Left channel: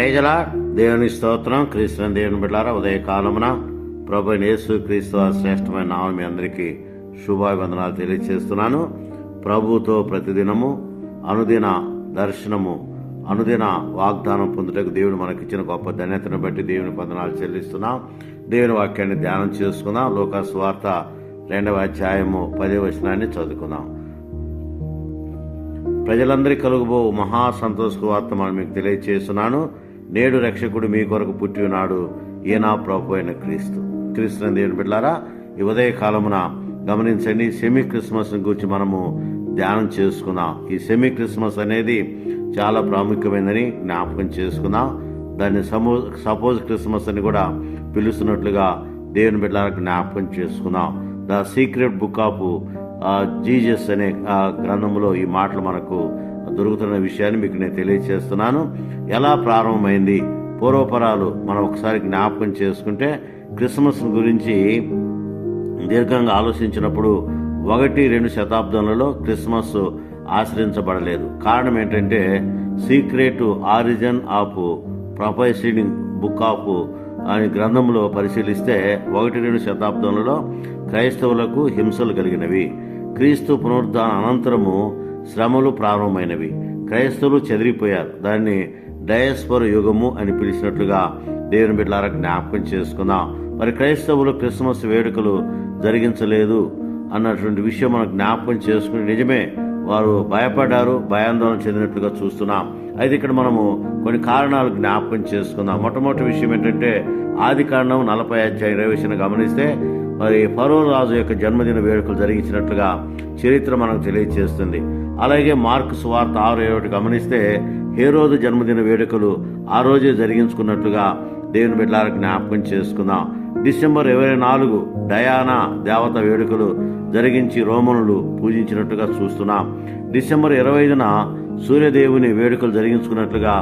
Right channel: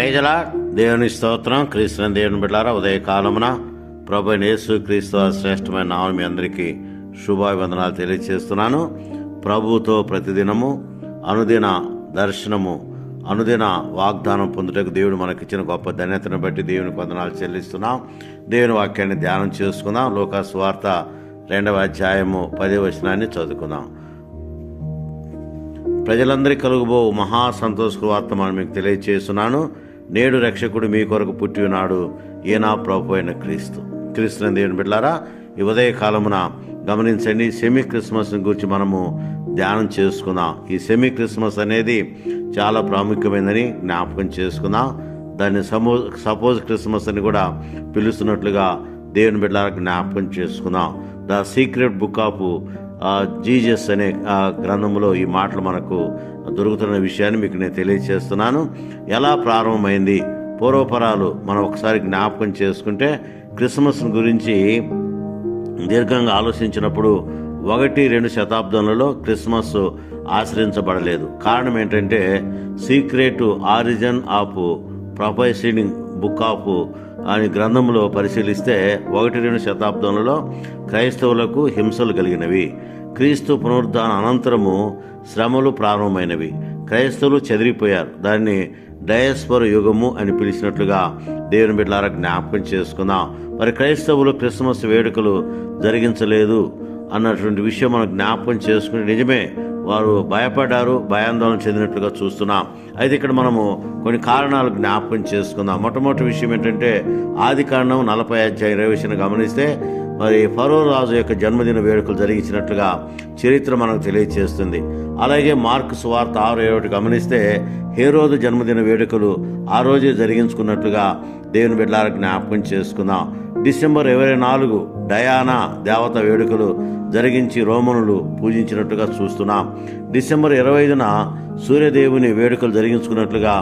ప్రేజలా దేవుని స్తోత్రం. క్రీస్తుని దేవుని బిడ్డారా ఉదయకాలమున ప్రభు యేసు క్రీస్తు శ్రేష్టమైన నామం మీ అందరికీ శుభాభివందనాలు తెలియజేస్తున్నాను ప్రభుతో ప్రతిదినము అనుదిన దర్శనము అనుదిన వాగ్దానం పొందుటకు దేవుడు మనకిచ్చిన గొప్ప ధన్యతను బట్టి దేవుని వందనాలు చెల్లిస్తున్నాం. దేవుని వాక్యాన్ని ధ్యానం చేసుకుందాం. లోక స్వార్థ రెండవ అధ్యాయము పదే వచనాన్ని చదువుకుందాం. ప్రజలందరికీ కలుగుబో మహా సంతోష వార్త మనం మీకు తెలియజేస్తున్నాను నేడు రక్షకుడు మీ కొరకు పుట్టి ఉన్నాడు. ఈనా ప్రభు అయిన క్రీస్తు. క్రీస్తుని దేవుని బిడ్డారా ఈ ఉదయ కాలమున గమనించండి సెమీ క్రిస్మస్ గురించి మనము ధ్యానం చేసుకున్నాం. ఈ సెమీ క్రిస్మస్ అనేది చాలా ప్రాముఖ్యమైనదని జ్ఞాపకం చేసుకుందాం దాన్ని సమో సపోజ్ క్రిస్మస్ అని కూడా పిలుస్తున్నట్లుగా దేవుని బిడ్డలకు జ్ఞాపకం చేసుకుందాం the secret book of Jesus అనే గ్రంథంలో ఈ మాటలు మనకు దొరుకుతున్న విషయాన్ని మీకు నేను తెలియజేస్తున్నాను ఎలా ప్రారంభమైంది? పూర్వపరాలు మనం ఒకసారి జ్ఞాపకం చేసుకుంటే క్రిస్మస్ గురించి దీర్ఘంగా ఆలోచించినప్పుడు ఒకటి రెండు శతాబ్దంలో క్రిస్మస్ ఆచరించబడలేదు. కారణం ఏంటంటే secret origin of professing book of అనే గ్రంథంలో పరిశీలిస్తే ఒకటి రెండు శతాబ్దంలో క్రైస్తవులకు హింసలు కలిగినవి. క్రీస్తు పునరుద్ధాన అనంతరము శ్రమలు ప్రారంభమైనవి. క్రైస్తవులు చెదిరిపోయారు. దాన్ని డయస్పర్ యుగము అని పిలిచినట్లుగా దేవుని బిడ్డలారా జ్ఞాపకం చేసుకుందాం. మరి క్రైస్తవులు క్రిస్మస్ వేడుకలు జరిగించలేదు అన్నటువంటి విషయం మనం జ్ఞాపకం చేసుకుని నిజమే. వారు భయపడ్డారు భయాందోళన చెందినట్లుగా చూస్తున్నాం. అయితే ఇక్కడ మనము కొన్ని కారణాలు జ్ఞాపకం చేసుకుందాం. మొట్టమొదటి విషయం ఏంటంటే ఆది కారణం నలభై అధ్యాయ ఇరవై విషయాన్ని గమనిస్తే మరి ఫరో రాజు యొక్క జన్మదిన వేడుకలు జరిగించినట్లుగా చరిత్ర మనకు తెలియజేస్తుంది అలాగే మార్క్ సువార్త ఆరు ఏడు గమనిస్తే హేరోదు జన్మదిన వేడుకలు ఆ రోజు జరిగించుకున్నట్లుగా దేవుని బిడ్డలకు జ్ఞాపకం చేసుకుందాం. డిసెంబర్ ఇరవై నాలుగు డయానా దేవత వేడుకలు జరిగించి రోమనులు పూజించినట్టుగా చూస్తున్నాం. డిసెంబర్ ఇరవై ఐదున సూర్యదేవుని వేడుకలు జరిగించుకున్నట్లుగా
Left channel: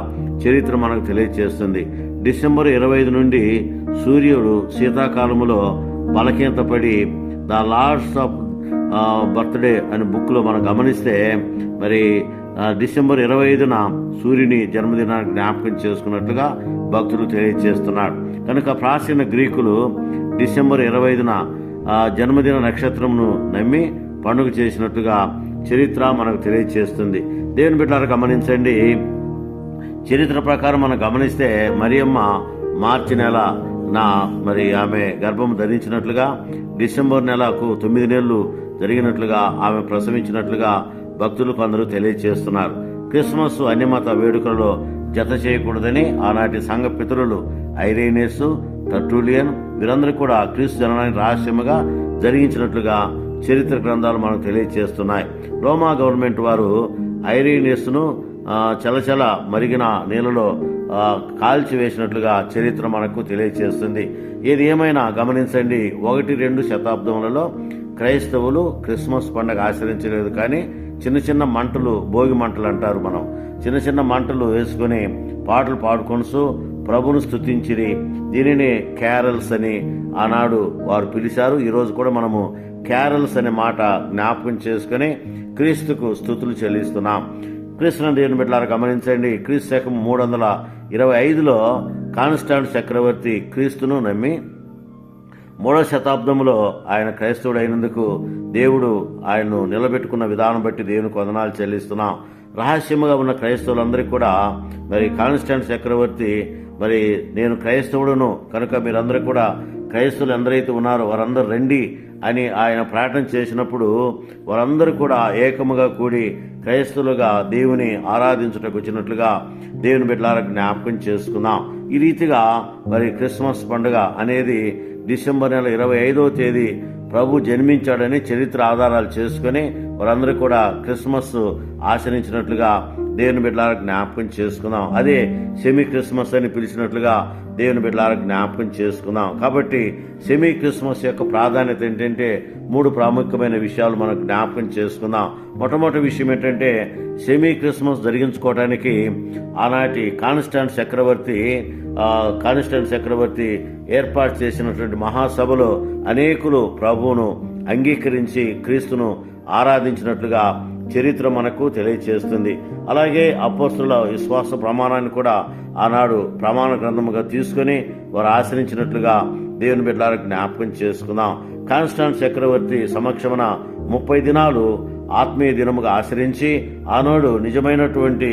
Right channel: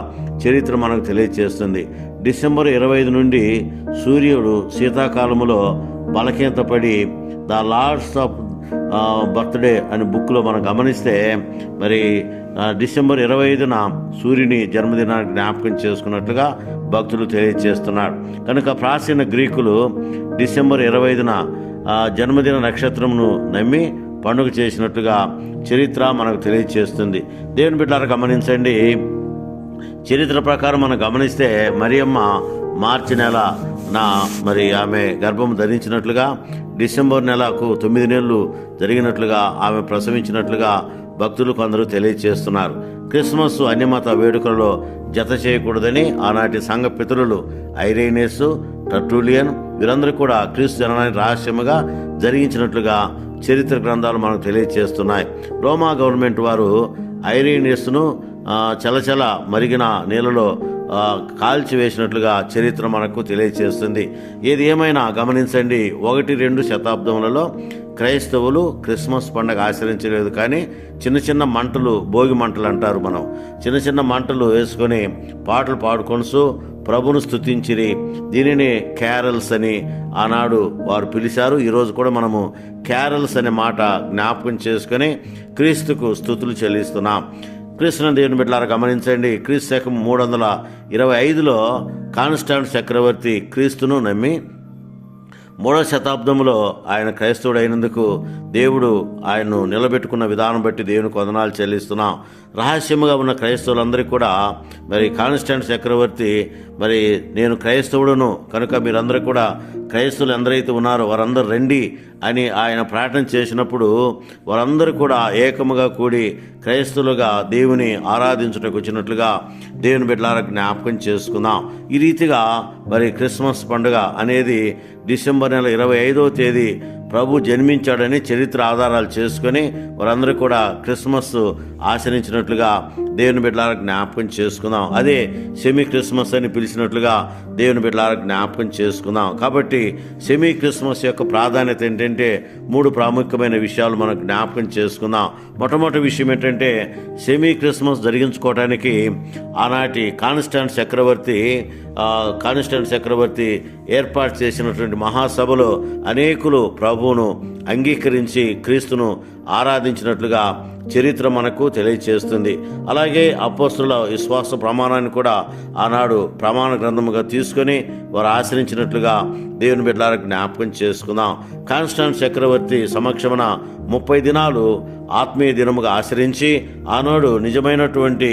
చరిత్ర మనకు తెలియజేస్తుంది డిసెంబర్ ఇరవై ఐదు నుండి సూర్యుడు శీతాకాలములో బలహీనతపడి ద లార్డ్స్ ఆఫ్ బర్త్డే అనే బుక్లో మనం గమనిస్తే మరి డిసెంబర్ ఇరవై ఐదున సూర్యుని జన్మదినాన్ని జ్ఞాపకం చేసుకున్నట్లుగా భక్తులు తెలియజేస్తున్నాడు కనుక ప్రాచీన గ్రీకులు డిసెంబర్ ఇరవై ఐదున జన్మదిన నక్షత్రమును నమ్మి పండుగ చేసినట్టుగా చరిత్ర మనకు తెలియజేస్తుంది దేవుని బిడ్డలు గమనించండి. చరిత్ర ప్రకారం మనం గమనిస్తే మరియమ్మ మార్చి నెల నా మరి ఆమె గర్భం ధరించినట్లుగా డిసెంబర్ నెలకు తొమ్మిది నెలలు జరిగినట్లుగా ఆమె ప్రసవించినట్లుగా భక్తులు కొందరు తెలియజేస్తున్నారు క్రిస్మస్ అన్యమత వేడుకలలో జత చేయకూడదని ఆనాటి సంఘ పితరులు ఐరేనియస్ టర్టూలియన్ వీరందరూ కూడా క్రీస్తు జననాన్ని రహస్యముగా జరిగించినట్లుగా చరిత్ర గ్రంథాలు మనకు తెలియజేస్తున్నాయి రోమా గవర్నమెంట్ వారు ఐరేనియస్ను చలచల మరిగిన నీళ్ళలో కాల్చివేసినట్లుగా చరిత్ర మనకు తెలియజేస్తుంది ఏది ఏమైనా గమనించండి. ఒకటి రెండు శతాబ్దములలో క్రైస్తవులు క్రిస్మస్ పండగ ఆచరించలేదు కానీ చిన్న చిన్న మంటలు భోగి మంటలు అంటారు మనం. చిన్న చిన్న మంటలు వేసుకొని పాటలు పాడుకొనుసు ప్రభును స్థుతించిరి దీనిని క్యారల్స్ అని ఆనాడు వారు పిలిచారు. ఈరోజు కూడా మనము క్యారల్స్ అనే మాట జ్ఞాపకం చేసుకొని క్రీస్తుకు స్థుతులు చెల్లిస్తున్నాం. క్రీస్తుని దేవుని బిడ్డలారా గమనించండి. క్రీస్తు శకం మూడు వందల ఇరవై ఐదులో కాన్స్టాంట్ చక్రవర్తి క్రీస్తును నమ్మి మూడవ శతాబ్దంలో ఆయన క్రైస్తవుడు అయినందుకు దేవుడు ఆయన్ను నిలబెట్టుకున్న విధానం బట్టి దేవునికి వందనాలు చెల్లిస్తున్నాం. రహస్యముగా ఉన్న క్రైస్తవులందరికీ కూడా మరి కాన్స్టాంట్ చక్రవర్తి మరి నేను క్రైస్తవుడును కనుక మీరందరూ కూడా క్రైస్తవులు ఎందరైతే ఉన్నారో వారందరూ రండి అని ఆయన ప్రార్థన చేసినప్పుడు వారందరూ కూడా ఏకముగా కూడి క్రైస్తవులుగా దేవుని ఆరాధించుటకు వచ్చినట్లుగా దేవుని బిడ్డలారా జ్ఞాపకం చేసుకుందాం. ఈ రీతిగా మరి క్రిస్మస్ పండుగ అనేది డిసెంబర్ నెల ఇరవై ఐదవ తేదీ ప్రభు జన్మించాడని చరిత్ర ఆధారాలు చేసుకొని వారందరూ కూడా క్రిస్మస్ ఆచరించినట్లుగా దేవుని బిడ్డలారా జ్ఞాపకం చేసుకుందాం. అదే సెమీ క్రిస్మస్ అని పిలిచినట్లుగా దేవుని బిడ్డలారా జ్ఞాపకం చేసుకుందాం. కాబట్టి సెమీ క్రిస్మస్ యొక్క ప్రాధాన్యత ఏంటంటే మూడు ప్రాముఖ్యమైన విషయాలు మనం జ్ఞాపకం చేసుకుందాం. మొట్టమొదటి విషయం ఏంటంటే సెమీ క్రిస్మస్ జరిగించుకోవడానికి ఆనాటి కాన్స్టాంట్ చక్రవర్తి కాన్స్టాంట్ చక్రవర్తి ఏర్పాటు చేసినటువంటి మహాసభలో అనేకులు ప్రభువును అంగీకరించి క్రీస్తును ఆరాధించినట్లుగా చరిత్ర మనకు తెలియచేస్తుంది. అలాగే అపోస్తుల విశ్వాస ప్రమాణాన్ని కూడా ఆనాడు ప్రమాణ గ్రంథముగా తీసుకొని వారు ఆశ్రయించినట్లుగా దేవుని బిడ్డలకు జ్ఞాపకం చేసుకుందాం. కాన్స్టాంట్ చక్రవర్తి సమక్షమున ముప్పై దినాలు ఆత్మీయ దినముగా ఆశ్రయించి ఆనాడు నిజమైనటువంటి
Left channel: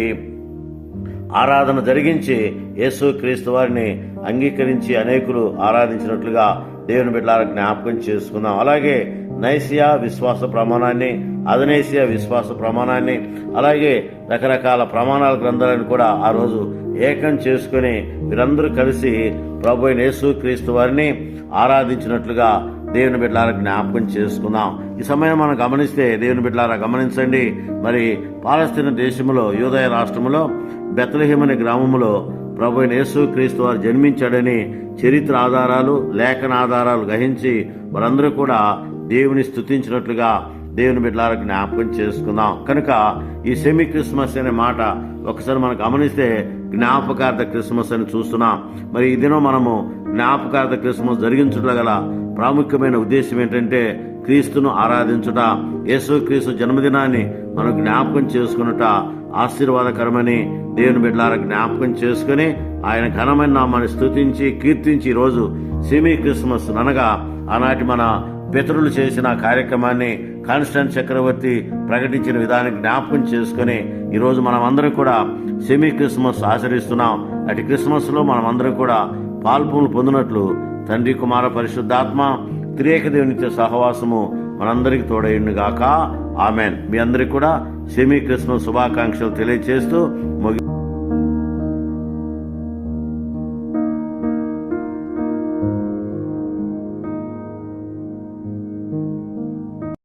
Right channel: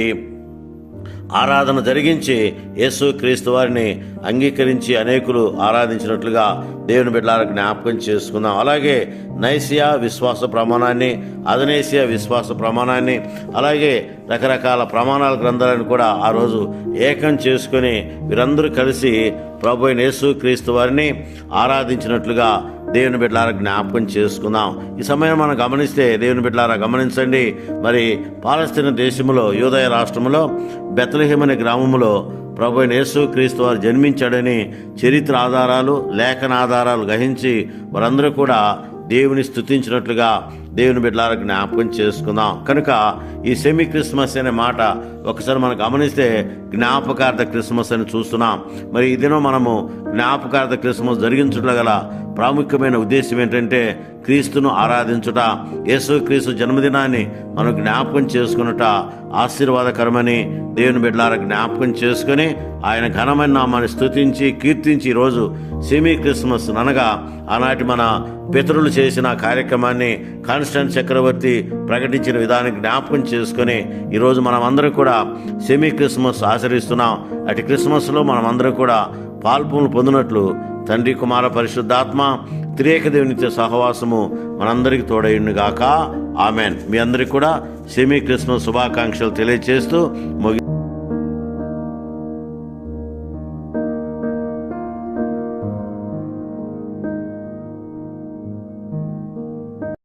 ఆరాధన జరిగించి యేసు క్రీస్తు వారిని అంగీకరించి అనేకులు ఆరాధించినట్లుగా దేవుని బిడ్డలకు జ్ఞాపకం చేసుకుందాం. అలాగే నైసియా విశ్వాస ప్రమాణాన్ని అదనేసియా విశ్వాస ప్రమాణాన్ని అలాగే రకరకాల ప్రమాణాల గ్రంథాలను కూడా ఆ రోజు ఏకం చేసుకుని వీరందరూ కలిసి ప్రభు యేసు క్రీస్తు వారిని ఆరాధించినట్లుగా దేవుని బిడ్డలారా జ్ఞాపకం చేసుకుందాం. ఈ సమయం మనం గమనిస్తే దేవుని బిడ్డలారా గమనించండి. మరి పాలస్తీన దేశంలో యూదయ రాష్ట్రంలో బెత్లహేమ్ అనే గ్రామంలో ప్రభు యేసు క్రీస్తు వారు జన్మించాడని చరిత్ర ఆధారాలు లేఖన ఆధారాలు గ్రహించి వారందరూ కూడా దేవుని స్తుతించినట్లుగా దేవుని బిడ్డలారా జ్ఞాపకం చేసుకుందాం. కనుక ఈ సెమీ క్రిస్మస్ అనే మాట ఒకసారి మనం గమనిస్తే జ్ఞాపకార్థ క్రిస్మస్ అని చూస్తున్నాం. మరి ఈ దినం మనము జ్ఞాపకార్థ క్రిస్మస్ జరిగించుట గల ప్రాముఖ్యమైన ఉద్దేశం ఏంటంటే క్రీస్తును ఆరాధించుట యేసు క్రీస్తు జన్మదినాన్ని మనం జ్ఞాపకం చేసుకున్నట ఆశీర్వాదకరమని దేవుని బిడ్డలారా జ్ఞాపకం చేసుకుని ఆయన ఘనమైన నామాన్ని స్తుతించి కీర్తించి ఈరోజు సెమీ క్రిస్మస్ అనగా ఆనాటి మన పితరులు చేసిన కార్యక్రమాన్ని కాన్స్టెంట్ చక్రవర్తి ప్రకటించిన విధానం జ్ఞాపకం చేసుకొని ఈరోజు మనం అందరం కూడా సెమీ క్రిస్మస్ ఆచరిస్తున్నాం. అటు క్రిస్మస్లో మనం అందరం కూడా పాల్పులు పొందినట్లు తండ్రి కుమార పరిశుద్ధాత్మ త్రియేక దేవునితో సహవాసము మనందరికి తోడైండు గాక ఆమెన్. మీ అందరికీ కూడా సెమీ క్రిస్మస్ శుభాకాంక్షలు తెలియజేస్తూ ముగి